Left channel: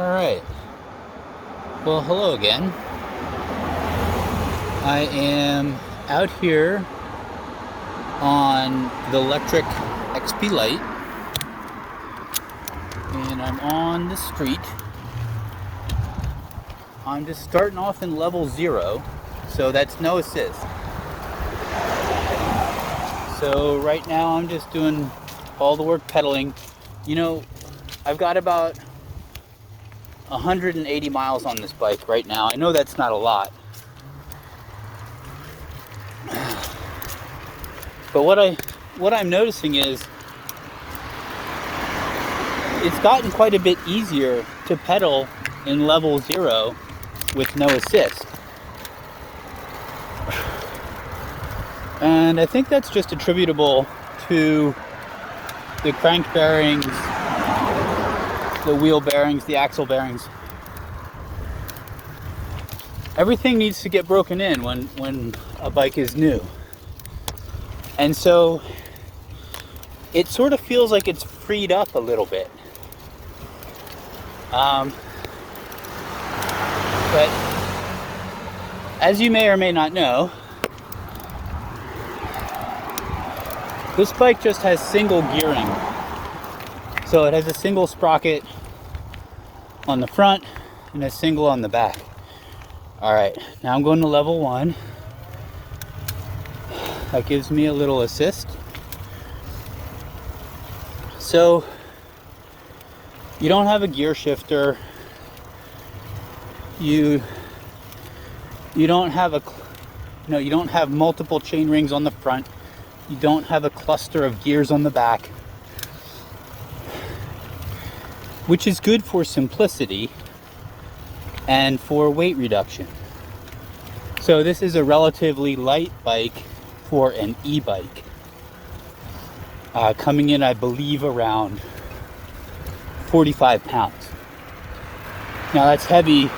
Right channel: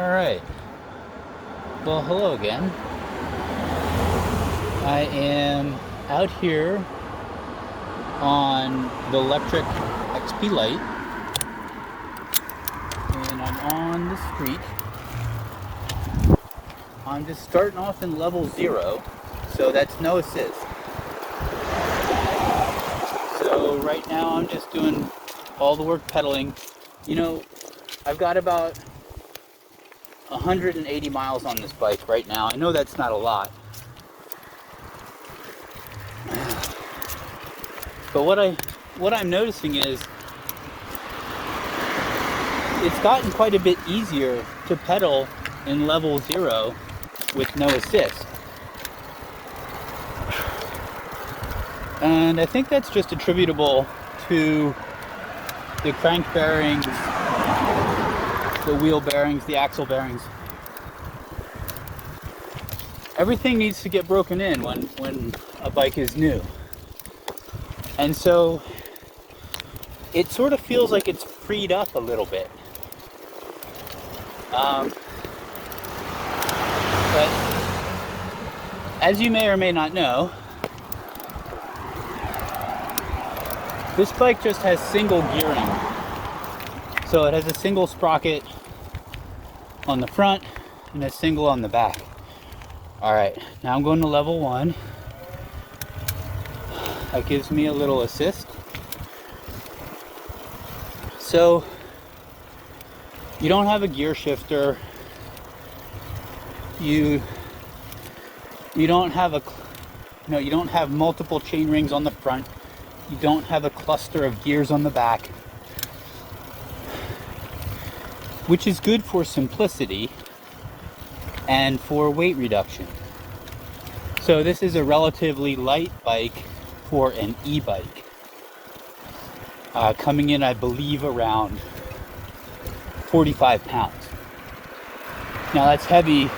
Alright, well hello again. I am out here on the Lectric XP Lite, and I'm on the street. I'm just starting off in level 0, so that's no assist. So right now I'm just doing all the work pedaling. You know, I've got about 180 miles on this bike right now. I know that's not a lot. But what I'm noticing is it's gotten quite a bit easier to pedal in level 0 with no assist. And I think that's just attributable to the crank bearings, the wheel bearings, the axle bearings. Everything needs to get broken in when a bike is new. And so it sort of feels like it's freed up a little bit. But as you may or may not know, this bike just has single gearing. So it has a single sprocket on the front and a single on the back. Alright, now I'm going to level 1. That gives me a little assist. So you don't have a gear shifter. You don't have you don't have multiple chain rings on the front. You don't have a cluster of gears on the back, which is good for simplicity and for weight reduction. So this is a relatively light bike for an e-bike. Coming in, I believe, around 45 pounds. Now that's heavy,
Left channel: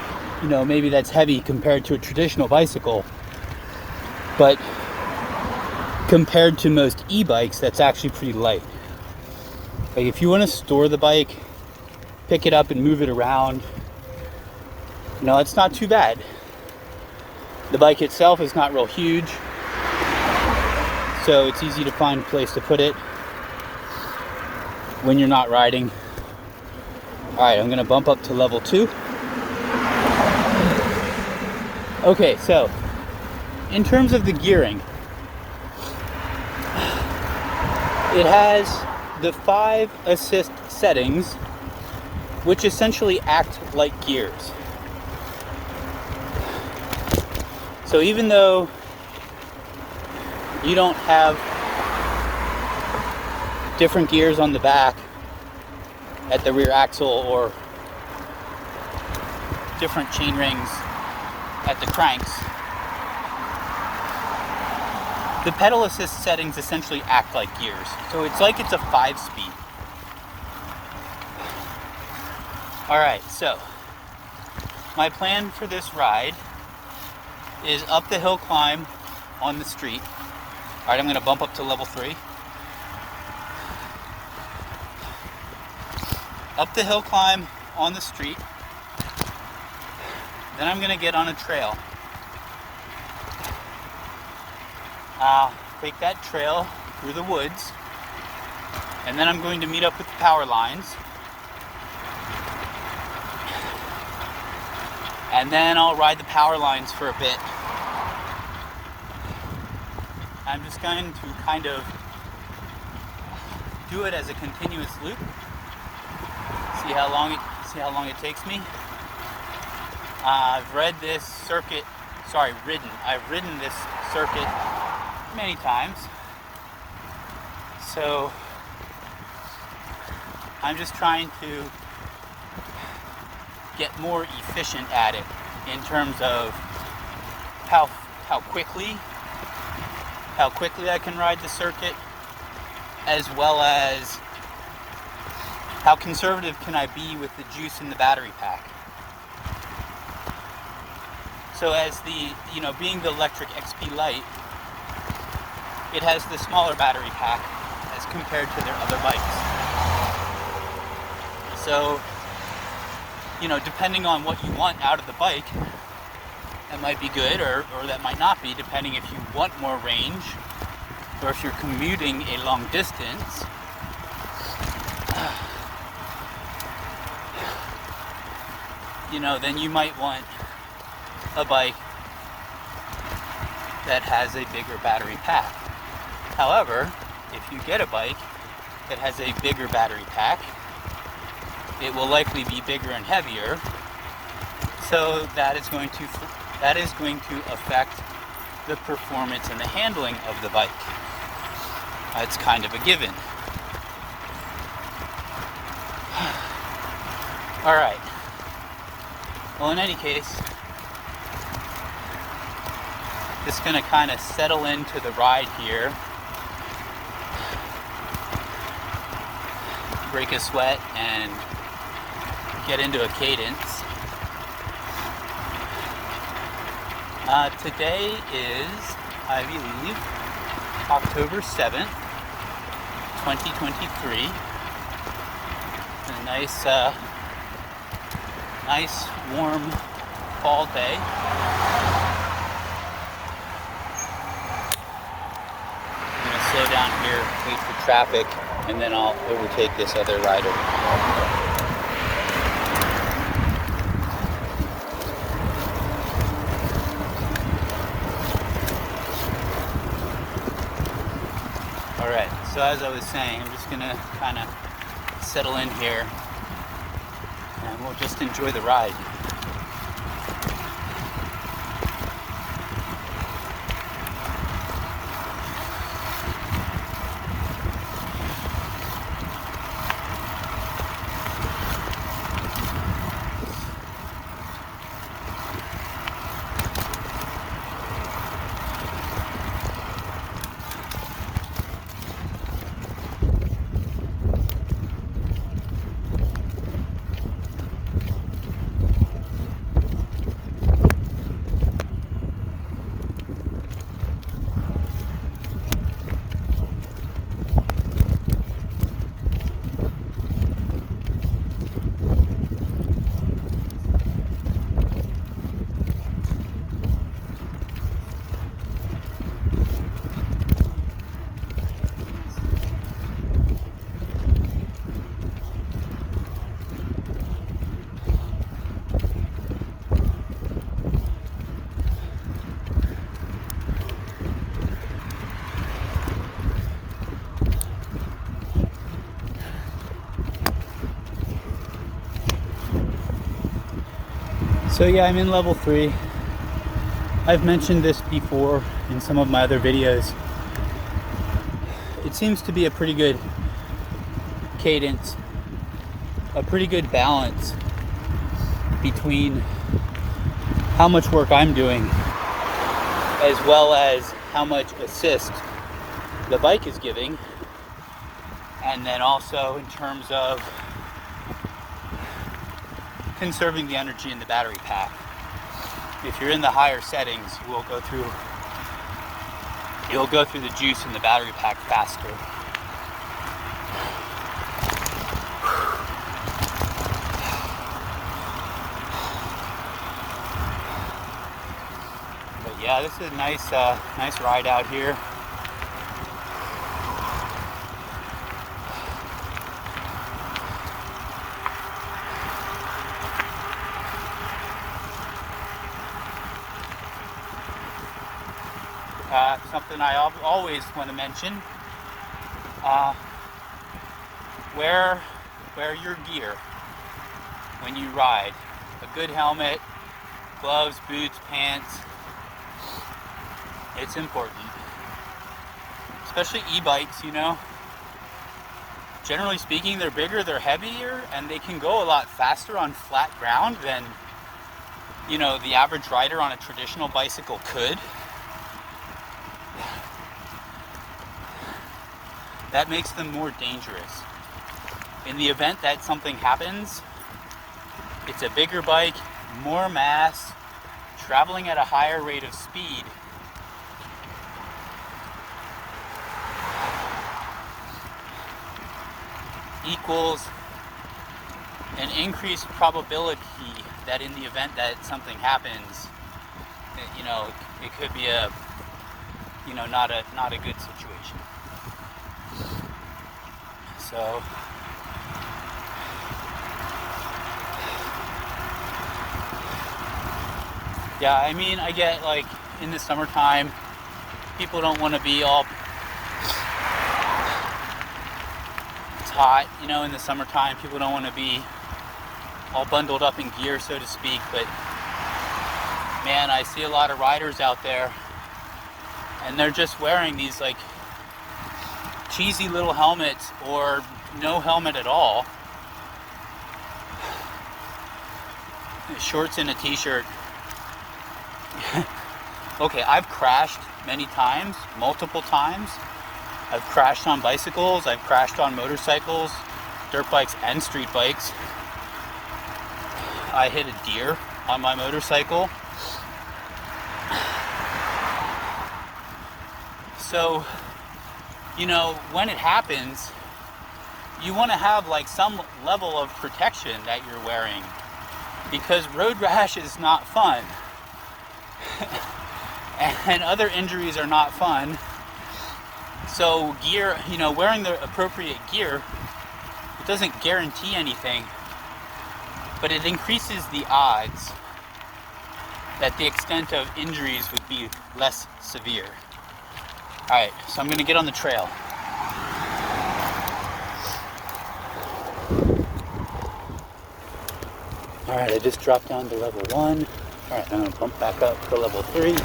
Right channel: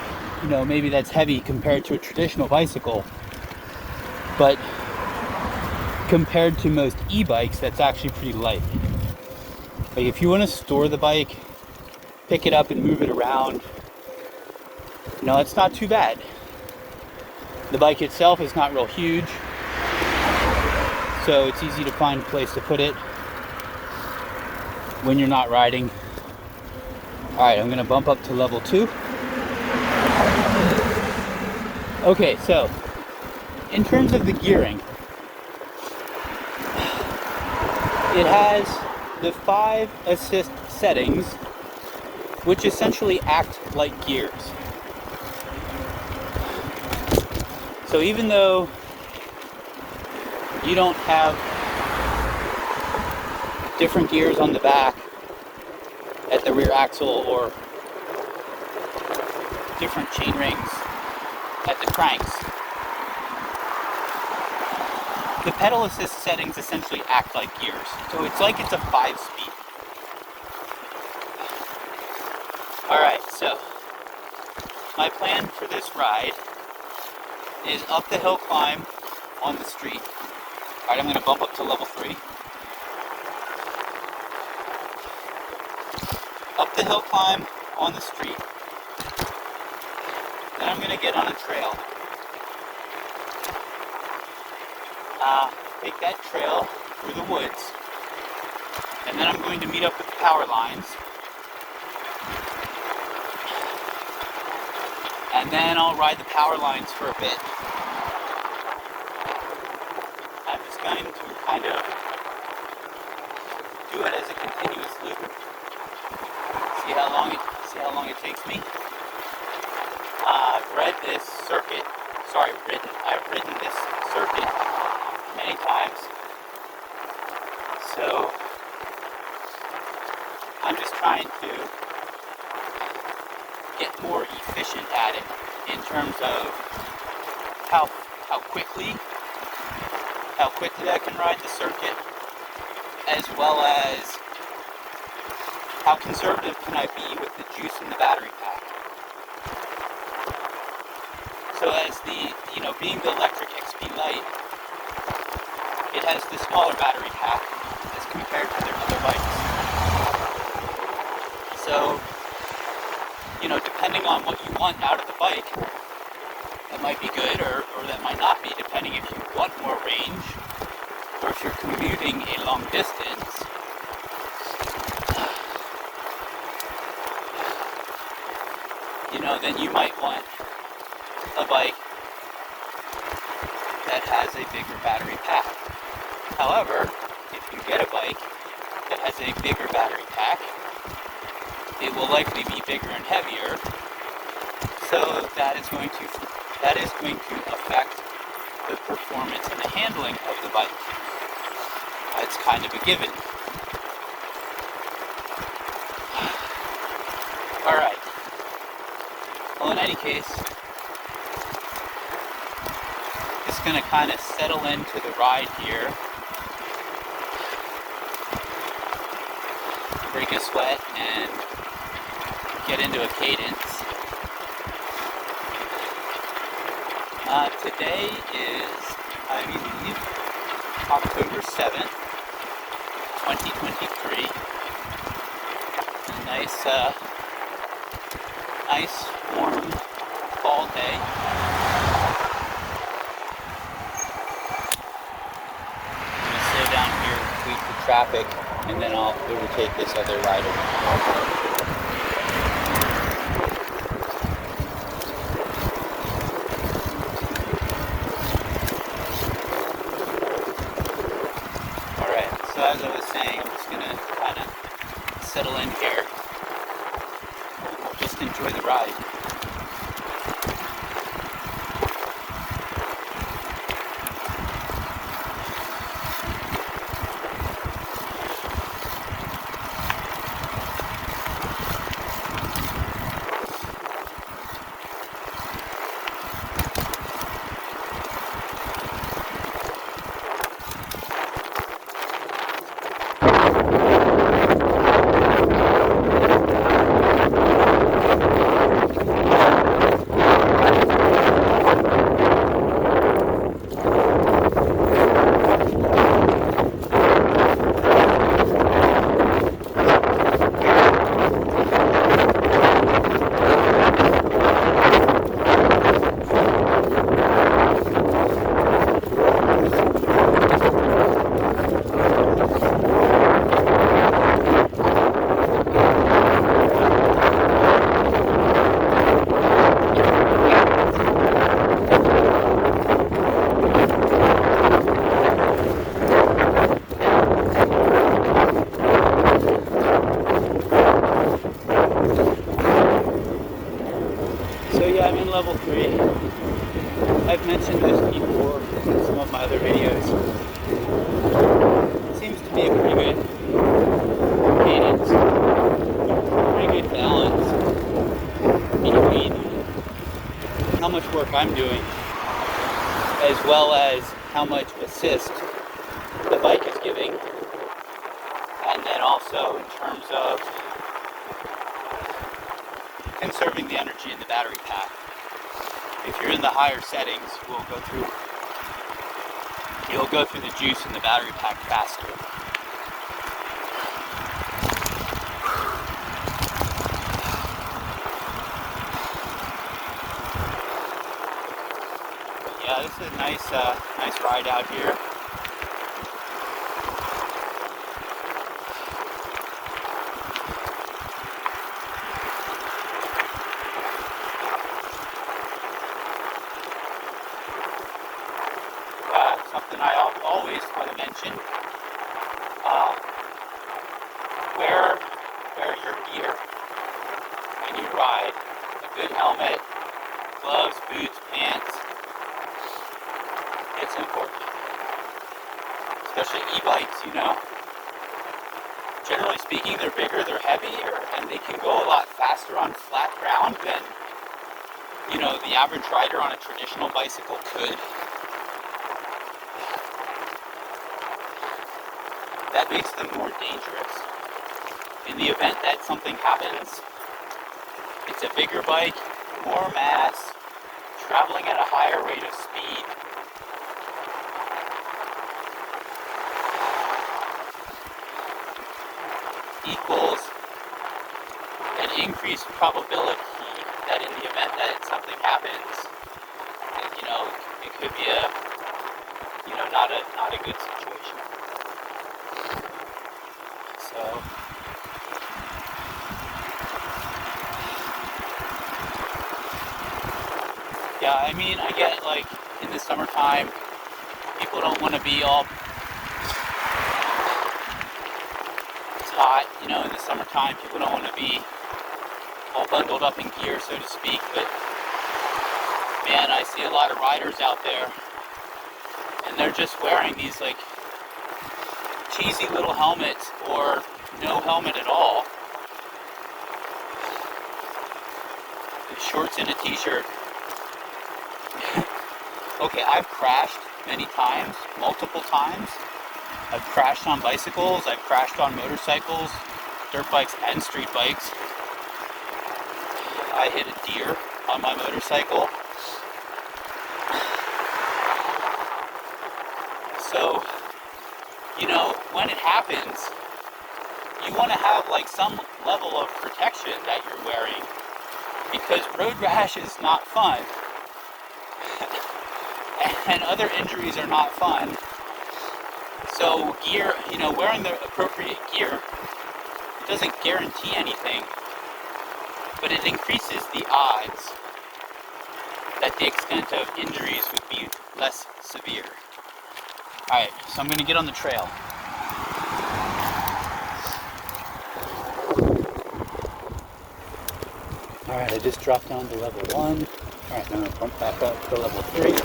maybe that's heavy compared to a traditional bicycle, but compared to most e-bikes, that's actually pretty light. Like if you want to store the bike, pick it up and move it around, it's not too bad. The bike itself is not real huge, so it's easy to find a place to put it when you're not riding. Alright, I'm going to bump up to level 2. Okay, so in terms of the gearing, it has the 5 assist settings, which essentially act like gears. So even though you don't have different gears on the back at the rear axle or different chain rings at the cranks, the pedal assist settings essentially act like gears. So it's like it's a 5-speed. Alright, so my plan for this ride is up the hill climb on the street. Alright, I'm going to bump up to level 3. Up the hill climb on the street. Then I'm going to get on a trail. Take that trail through the woods. And then I'm going to meet up with the power lines. And then I'll ride the power lines for a bit. I'm just going to kind of do it as a continuous loop. See how long it takes me. I've ridden this circuit many times. So I'm just trying to get more efficient at it in terms of how quickly I can ride the circuit, as well as how conservative can I be with the juice in the battery pack. So as being the Lectric XP Lite, it has the smaller battery pack as compared to their other bikes. So you know, depending on what you want out of the bike, that might be good, or that might not be, depending if you want more range, or if you're commuting a long distance. You know, then you might want a bike that has a bigger battery pack. However, if you get a bike that has a bigger battery pack, it will likely be bigger and heavier, so that is going to affect the performance and the handling of the bike. That's kind of a given. All right. Well, in any case, just going to kind of settle into the ride here, break a sweat, and get into a cadence. Today is, I believe, October 7th, 2023. A nice warm fall day. I'm going to slow down here, wait for traffic, and then I'll overtake this other rider. So as I was saying, I'm just going to kind of settle in here and we'll just enjoy the ride. So yeah, I'm in level 3. I've mentioned this before in some of my other videos. It seems to be a pretty good cadence, a pretty good balance between how much work I'm doing as well as how much assist the bike is giving, and then also in terms of conserving the energy in the battery pack. If you're in the higher settings, you'll go through the juice in the battery pack faster. But yeah, this is a nice ride out here. Something I always want to mention, wear your gear when you ride. A good helmet, gloves, boots, pants. It's important. Especially e-bikes, you know. Generally speaking, they're bigger, they're heavier, and they can go a lot faster on flat ground than, you know, the average rider on a traditional bicycle could. That makes them more dangerous. In the event that something happens, it's a bigger bike, more mass, traveling at a higher rate of speed. Equals an increased probability that in the event that something happens, you know, it could be a, you know, not a good situation. So yeah, I mean, I get like in the summertime, people don't want to be all, it's hot, you know, in the summertime, people don't want to be all bundled up in gear, so to speak, but man, I see a lot of riders out there and they're just wearing these like cheesy little helmets or no helmet at all, shorts and a t-shirt. Okay, I've crashed many times, multiple times. I've crashed on bicycles, I've crashed on motorcycles, dirt bikes and street bikes. I hit a deer on my motorcycle. So, you know, when it happens, you want to have like some level of protection that you're wearing, because road rash is not fun. And other injuries are not fun. So gear, you know, wearing the appropriate gear, it doesn't guarantee anything, but it increases the odds that the extent of injuries would be less severe. Alright, so I'm going to get on the trail. Alright, I just dropped down to level 1. Alright, I'm going to bump back up to level 3.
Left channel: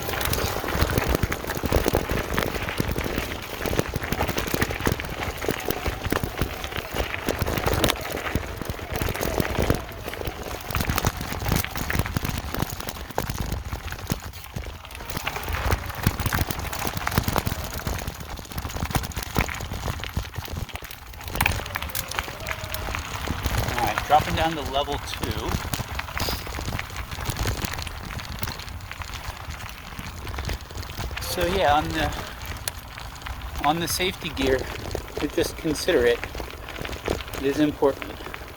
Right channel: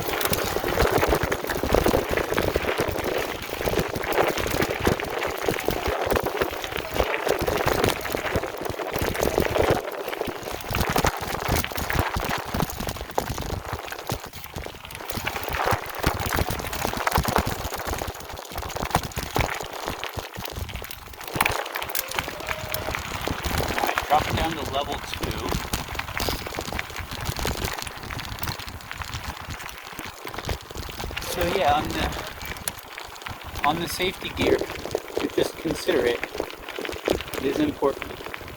Alright, dropping down to level 2. So yeah, on the safety gear, to just consider it, it is important.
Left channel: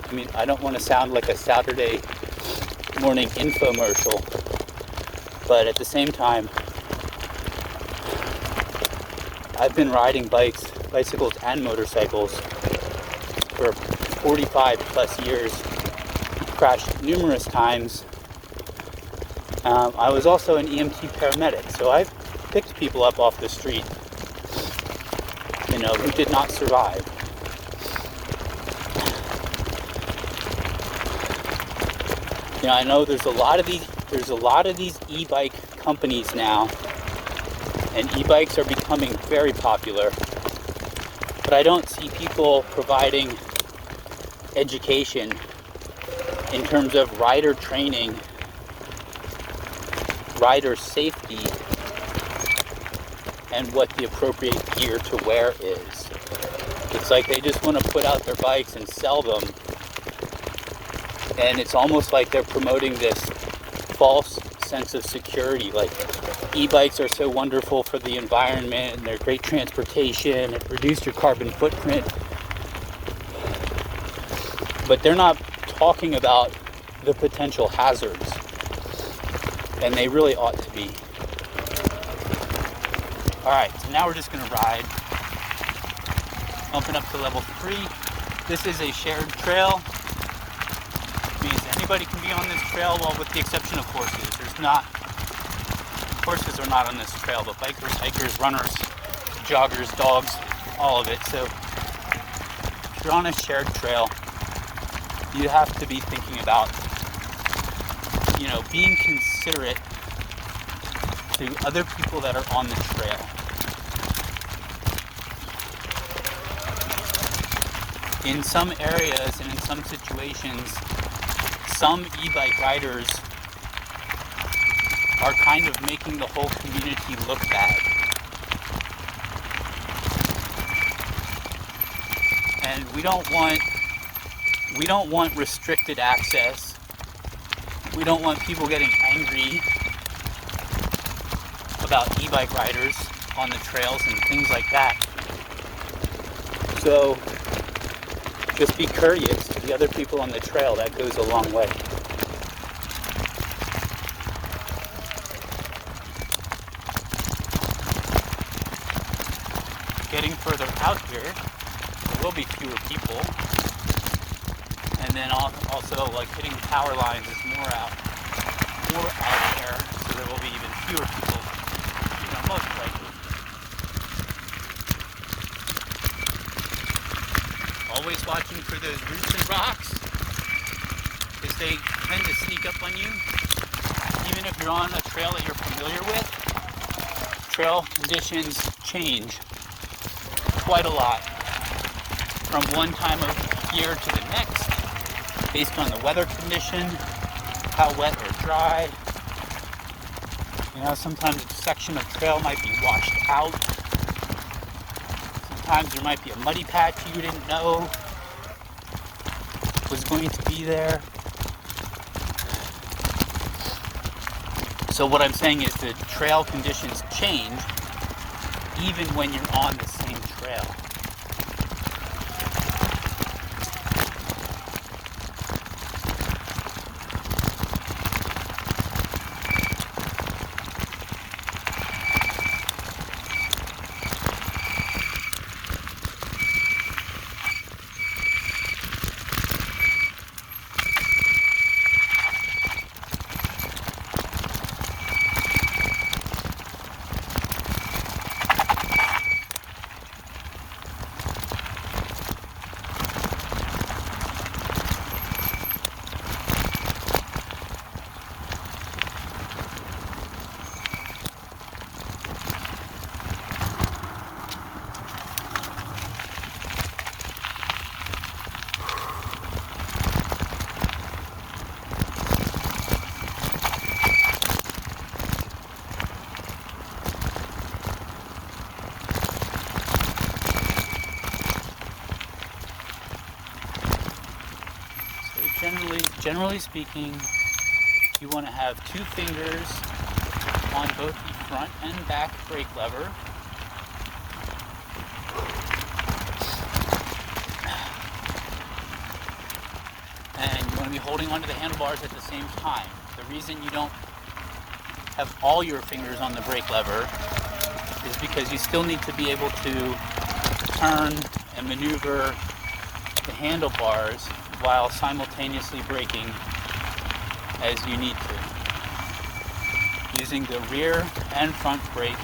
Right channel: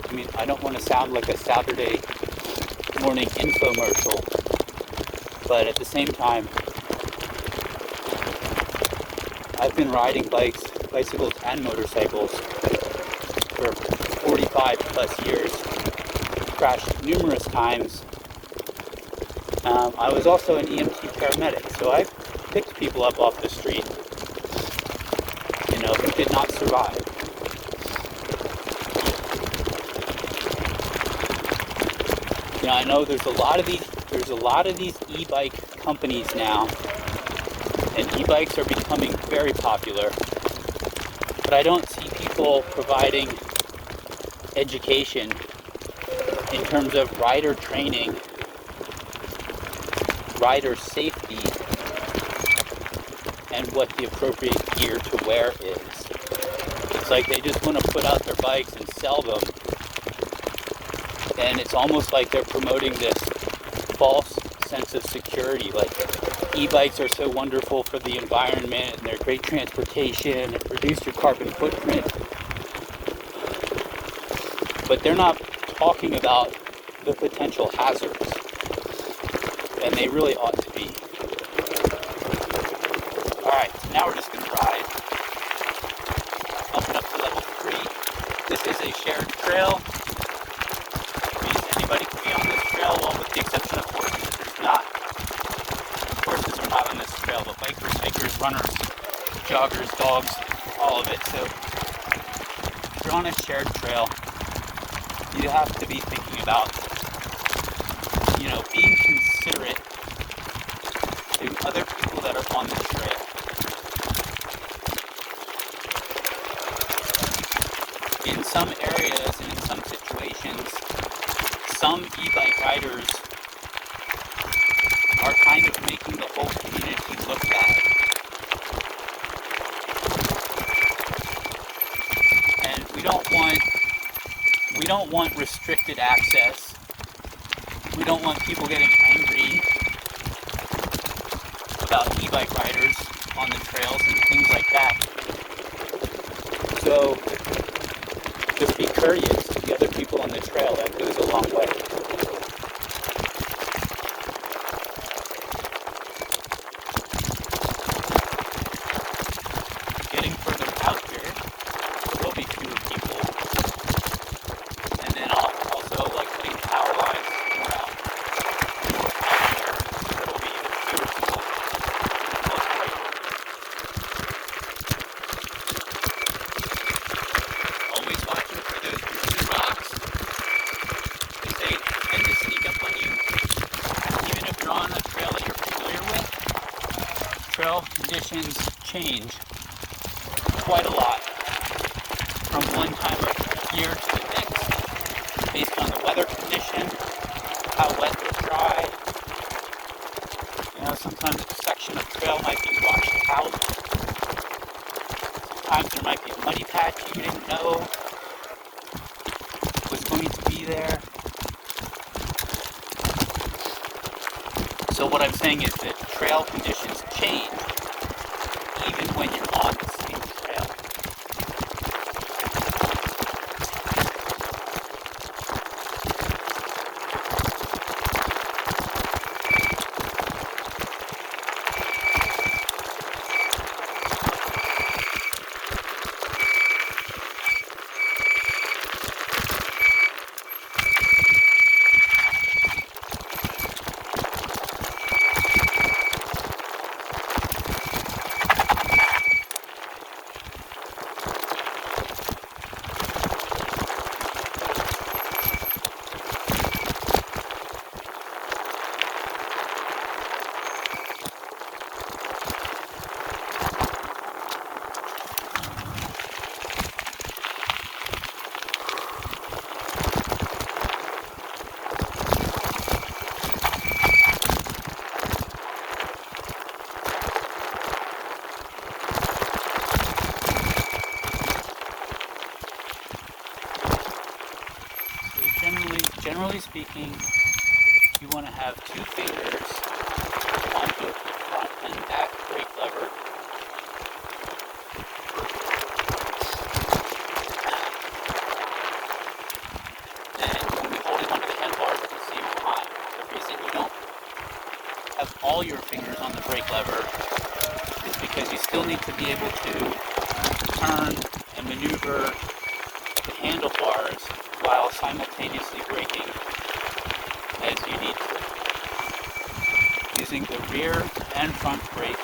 I mean, I don't want to sound like a Saturday morning infomercial, but at the same time, I've been riding bicycles and motorcycles for 45 plus years, crashed numerous times. I was also an EMT paramedic, so I've picked people up off the street, you know, who did not survive. You know, I know there's a lot of these e-bike companies now, and e-bikes are becoming very popular, but I don't see people providing education in terms of rider training, rider safety, and what the appropriate gear to wear is. It's like they just want to put out their bikes and sell them, and it's almost like they're promoting this false sense of security, like e-bikes are so wonderful for the environment and they're great transportation, reduce your carbon footprint, but they're not talking about the potential hazards, and they really ought to be. Alright, so now we're just going to ride, bumping up to level 3. This is a shared trail. Anybody can be on this trail, well, with the exception of horses. Horses are not on this trail, but bikers, hikers, runners, joggers, dogs, all of it. So if you're on a shared trail, you have to be thinking about, you know, being considerate to other people that are on the trail. In some areas and in some situations, some e-bike riders are kind of making the whole community look bad. And we don't want restricted access. We don't want people getting angry about e-bike riders on the trails and things like that. So just be courteous to the other people on the trail. That goes a long way. Getting further out here, there will be fewer people. And then also like putting power lines more out there, so there will be even fewer people. Most likely. Always watching for those rooster rocks, because they tend to sneak up on you. Even if you're on a trail that you're familiar with, trail conditions change quite a lot from one time of year to the next, based on the weather condition, how wet or dry. You know, sometimes a section of trail might be washed out. Sometimes there might be a muddy patch you didn't know was going to be there. So what I'm saying is that trail conditions change even when you're on the same trail. Generally speaking, you want to have 2 fingers on both the front and back brake lever. And you want to be holding onto the handlebars at the same time. The reason you don't have all your fingers on the brake lever is because you still need to be able to turn and maneuver the handlebars while simultaneously braking as you need to. Using the rear and front brake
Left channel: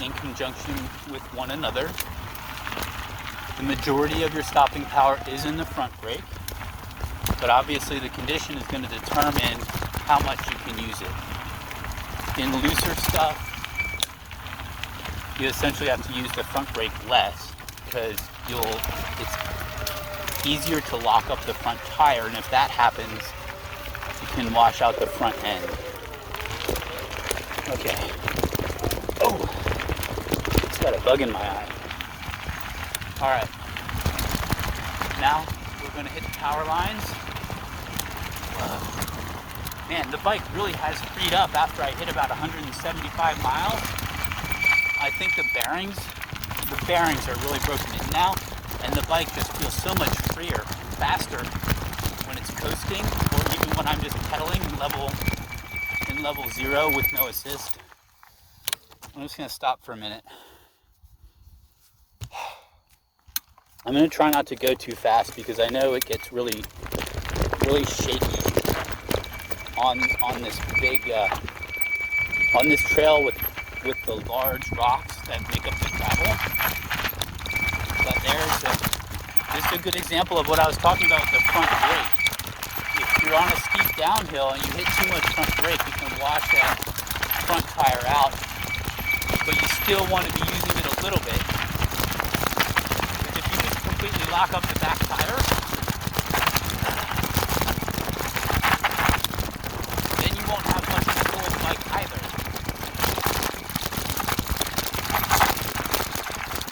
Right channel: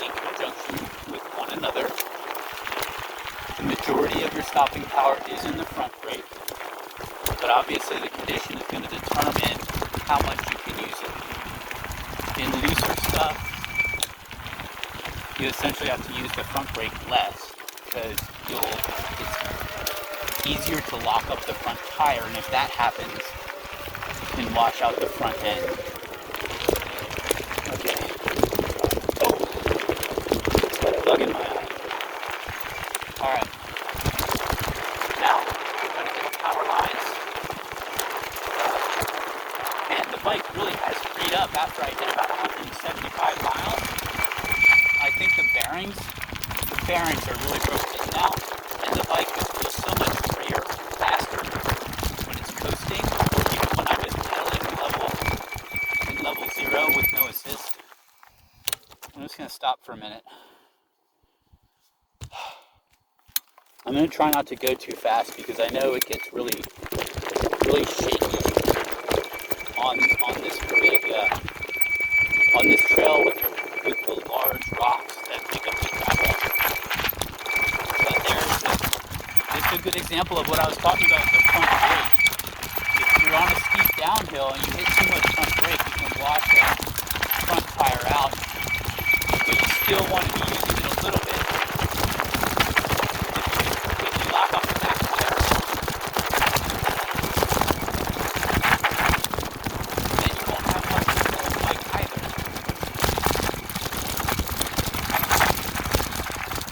in conjunction with one another. The majority of your stopping power is in the front brake, but obviously the condition is going to determine how much you can use it. In looser stuff, you essentially have to use the front brake less, because it's easier to lock up the front tire, and if that happens, you can wash out the front end. Okay. Oh, it's got a bug in my eye. Alright. Now, we're going to hit the power lines. Man, the bike really has freed up after I hit about 175 miles. I think the bearings are really broken in now, and the bike just feels so much freer, faster when it's coasting, or even when I'm just pedaling in level 0 with no assist. I'm just going to stop for a minute. I'm going to try not to go too fast because I know it gets really shaky on this big on this trail with the large rocks that make up the gravel. But this is a good example of what I was talking about with the front brake. If you're on a steep downhill and you hit too much front brake, you can wash that front tire out. But you still want to be using it a little bit